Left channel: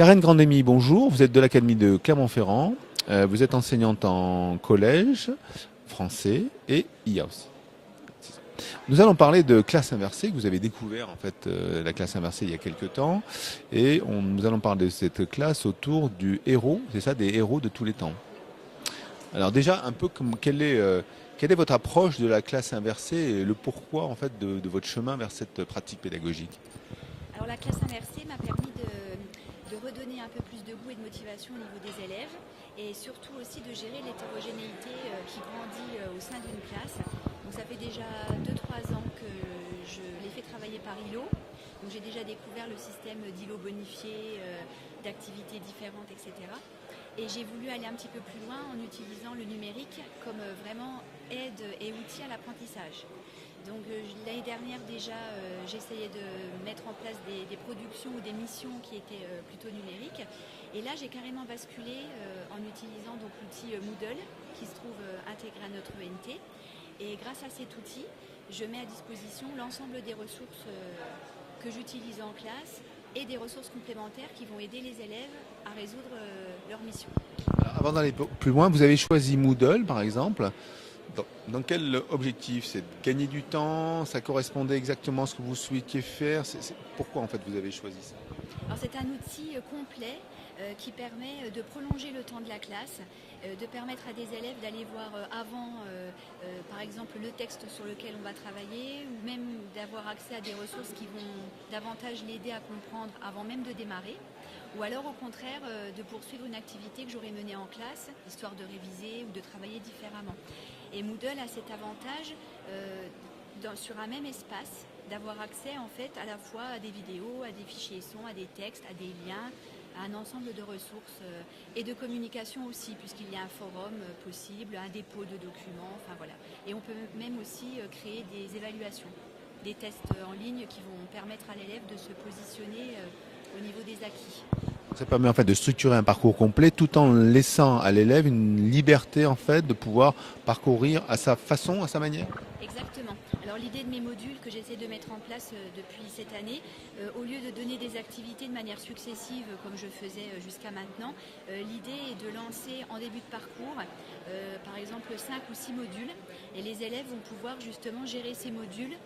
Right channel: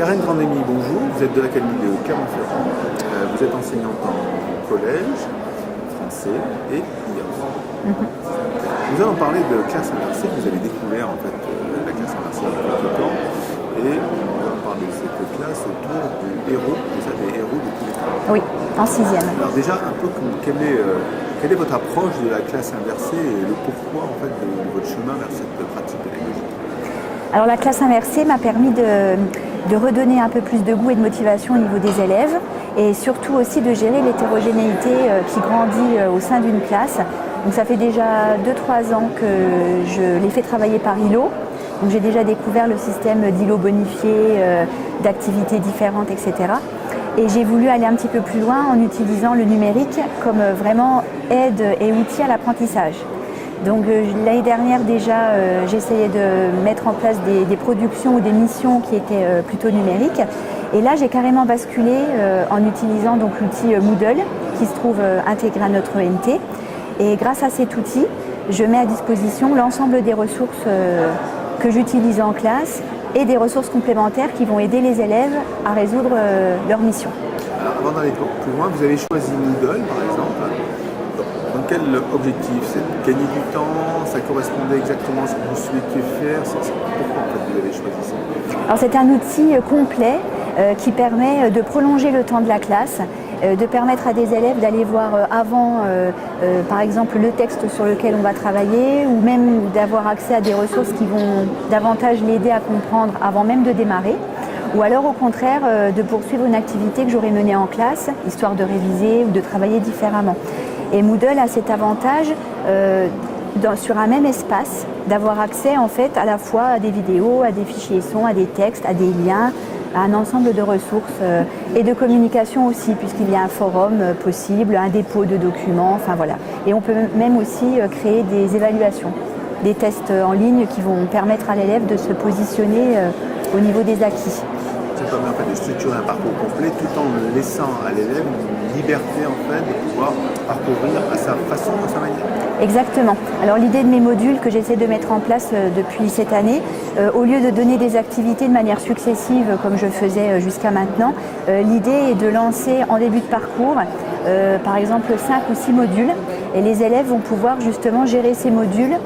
Karen Grandemi, bonjour. Vous êtes de l'Académie de Clermont-Ferrand. Vous êtes enseignante en collège, français et IOS. Nous allons parler de classe inversée. Vous avez découvert en fait la classe inversée il y a quelques temps et nous allons parler de cette classe autour du héros, des héros de tous les temps. Oui, en 6e. Alors déjà, un peu quelle est votre approche de la classe inversée et le pourquoi en fait, de votre chemin vers cette pratique pédagogique? Alors la classe inversée m'a permis de redonner un peu plus de goût et de motivation au niveau des élèves et surtout aussi de gérer l'hétérogénéité qui grandit au sein d'une classe. Donc ça fait déjà 2-3 ans que je les fais travailler par îlot. Donc j'ai déjà découvert le système d'îlots bonifiés, d'activités différentes, etc. Et j'ai voulu aller un petit peu plus loin en utilisant le numérique comme vraiment aide et outil à l'apprentissage. Donc l'année dernière déjà, j'essayais de mettre en place des productions ou des missions qui étaient plutôt numériques. Et là, j'ai carrément basculé en utilisant donc l'outil Moodle qui se trouve intégré à notre ENT. Et grâce à cet outil, je mets à disposition l'ensemble des ressources que j'utilise en classe et des ressources complémentaires qui vont aider les élèves à résoudre leur mission. Alors, avant d'aller plus loin, vous avez choisi Moodle par exemple. Dans quel objectif? C'est de gagner du temps? Ça correspondait exactement à ce que vous souhaitiez faire? Pourquoi en fait vous avez choisi ça? Alors c'est un outil complet qui permet de prolonger le temps de la classe, de permettre à des élèves d'aller voir avant, par exemple, le texte sur lequel on va travailler ou même d'avoir accès à des ressources qui vont davantage l'aider à comprendre avant même de démarrer. Ou alors au contraire de poursuivre une activité que j'aurais menée en classe, histoire de réviser ou de travailler différemment. Et Moodle a cet avantage sur un même espace d'avoir accès en fait à la fois à des vidéos, à des fichiers sons, à des textes, à des liens, à un ensemble de ressources et de communication aussi puisqu'il y a un forum possible, un dépôt de documents, enfin voilà. Et on peut même aussi créer des évaluations, des tests en ligne qui vont permettre à l'élève de se positionner au niveau des acquis. Ça permet en fait de structurer un parcours complet tout en laissant à l'élève une liberté en fait de pouvoir parcourir à sa façon, à sa manière. Exactement. Alors l'idée de mes modules que j'essaie de mettre en place depuis cette année, au lieu de donner des activités de manière successive comme je faisais jusqu'à maintenant, l'idée est de lancer en début de parcours par exemple 5 ou 6 modules et les élèves vont pouvoir justement gérer ces modules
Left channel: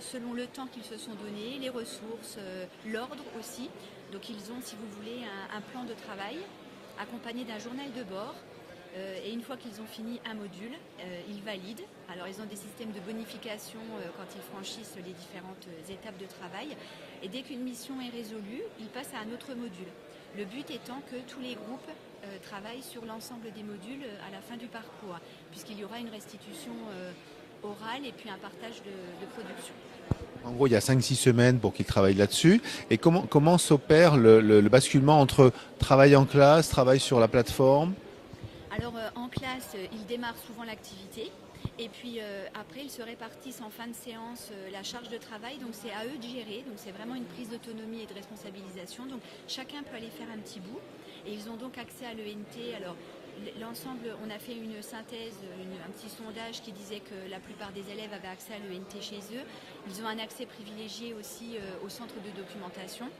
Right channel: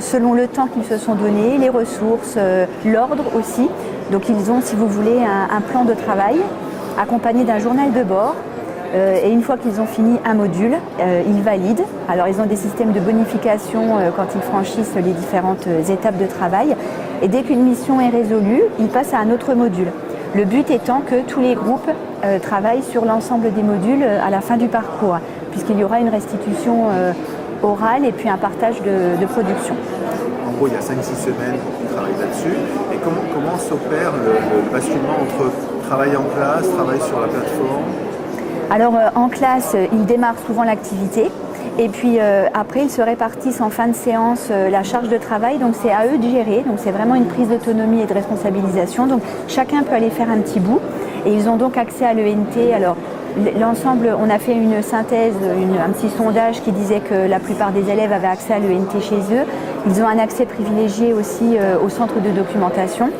selon le temps qu'ils se sont donnés, les ressources, l'ordre aussi. Donc ils ont, si vous voulez, un plan de travail accompagné d'un journal de bord. Et une fois qu'ils ont fini un module, ils valident. Alors ils ont des systèmes de bonification quand ils franchissent les différentes étapes de travail. Et dès qu'une mission est résolue, ils passent à un autre module. Le but étant que tous les groupes travaillent sur l'ensemble des modules à la fin du parcours, puisqu'il y aura une restitution orale et puis un partage de production. En gros, il y a 5-6 semaines pour qu'ils travaillent là-dessus. Et comment s'opère le basculement entre travail en classe, travail sur la plateforme? Alors en classe, ils démarrent souvent l'activité et puis après ils se répartissent en fin de séance la charge de travail, donc c'est à eux de gérer, donc c'est vraiment une prise d'autonomie et de responsabilisation, donc chacun peut aller faire un petit bout et ils ont donc accès à l'ENT. Alors l'ensemble, on a fait une synthèse, un petit sondage qui disait que la plupart des élèves avaient accès à l'ENT chez eux, ils ont un accès privilégié aussi au centre de documentation.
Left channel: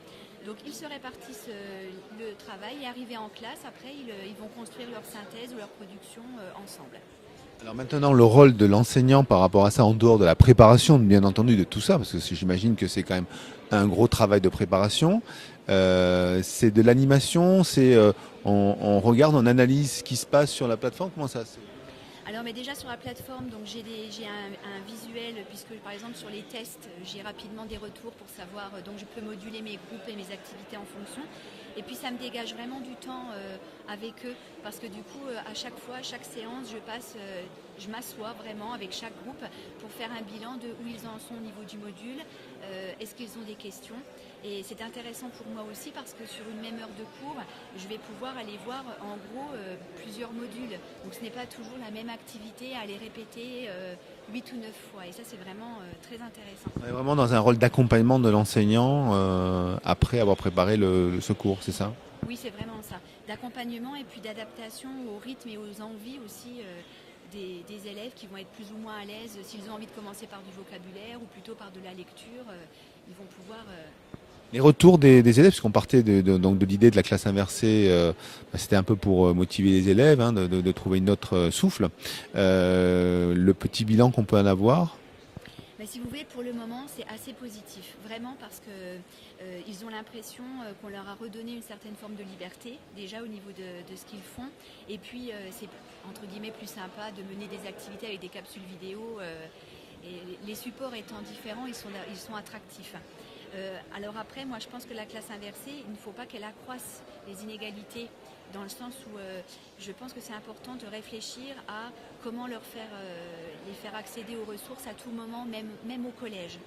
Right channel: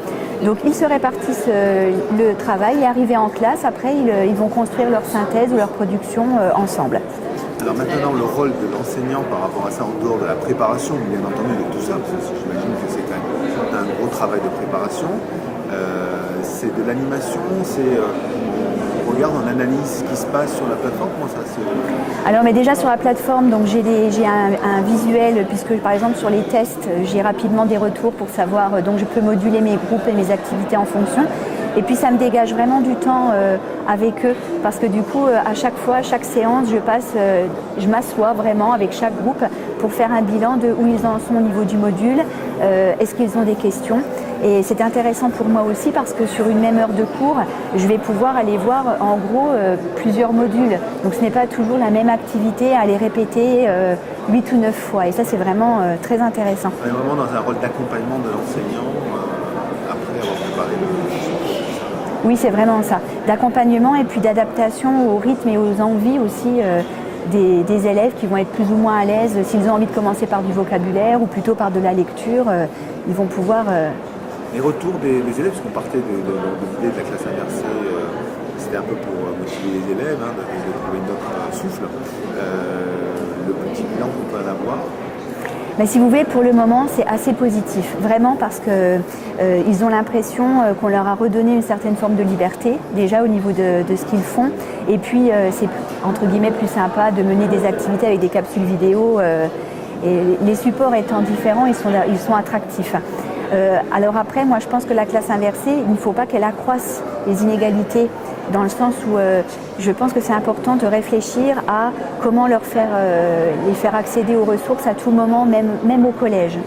Donc ils se répartissent le travail et arrivés en classe, après ils vont construire leur synthèse ou leur production ensemble. Alors maintenant le rôle de l'enseignant par rapport à ça, en dehors de la préparation bien entendu de tout ça, parce que j'imagine que c'est quand même un gros travail de préparation, c'est de l'animation, on regarde, on analyse ce qui se passe sur la plateforme, comment ça se... Alors mais déjà sur la plateforme, donc j'ai un visuel puisque par exemple sur les tests, j'ai rapidement des retours pour savoir, donc je peux moduler mes groupes et mes activités en fonction. Et puis ça me dégage vraiment du temps avec eux parce que du coup à chaque fois, chaque séance, je m'assois vraiment avec chaque groupe pour faire un bilan de où ils en sont au niveau du module, est-ce qu'ils ont des questions. Et c'est intéressant pour moi aussi parce que sur une même heure de cours, je vais pouvoir aller voir en gros plusieurs modules. Donc ce n'est pas toujours la même activité à les répéter 8 ou 9 fois. Et ça c'est vraiment très intéressant. On est vraiment dans un rôle d'accompagnement de l'enseignant après avoir préparé ce cours, c'est ça? Oui, c'est vraiment ça. D'accompagnement et puis d'adaptation au rythme et aux envies aussi des élèves qui vont être plus ou moins à l'aise. S'ils ont envie de commencer par du vocabulaire ou plutôt par de la lecture, ils vont pouvoir Les retours des élèves, parce qu'on partait donc de l'idée de la classe inversée, c'était un peu pour motiver les élèves, hein, de trouver notre souffle. Le petit bilan qu'on peut en avoir. Mais si vous voulez, pour le moment, c'est assez positif. Vraiment parce qu'ils ont l'impression qu'on leur a redonné une certaine forme de liberté, déjà au niveau de ce qu'ils font. Et puis, c'est entre guillemets plus sympa de mener des activités avec des capsules vidéo. Et les supports étant différents, ils sont attractifs. Alors après, moi je pense que la classe inversée, il ne faut pas qu'elle accroisse les inégalités, dans le sens où je pense que c'est important de réfléchir à comment les faire accéder aux ressources à tout moment, même au collège.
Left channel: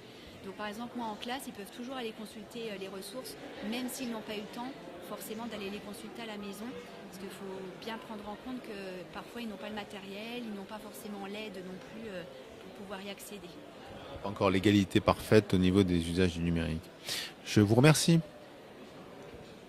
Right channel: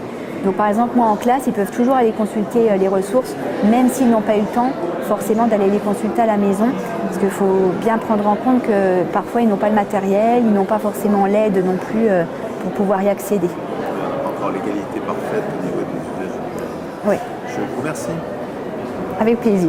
Donc par exemple, moi en classe, ils peuvent toujours aller consulter les ressources, même s'ils n'ont pas eu le temps forcément d'aller les consulter à la maison, parce qu'il faut bien prendre en compte que parfois ils n'ont pas le matériel, ils n'ont pas forcément l'aide non plus pour pouvoir y accéder. Encore l'égalité parfaite au niveau des usages du numérique. Oui. Je vous remercie. Avec plaisir.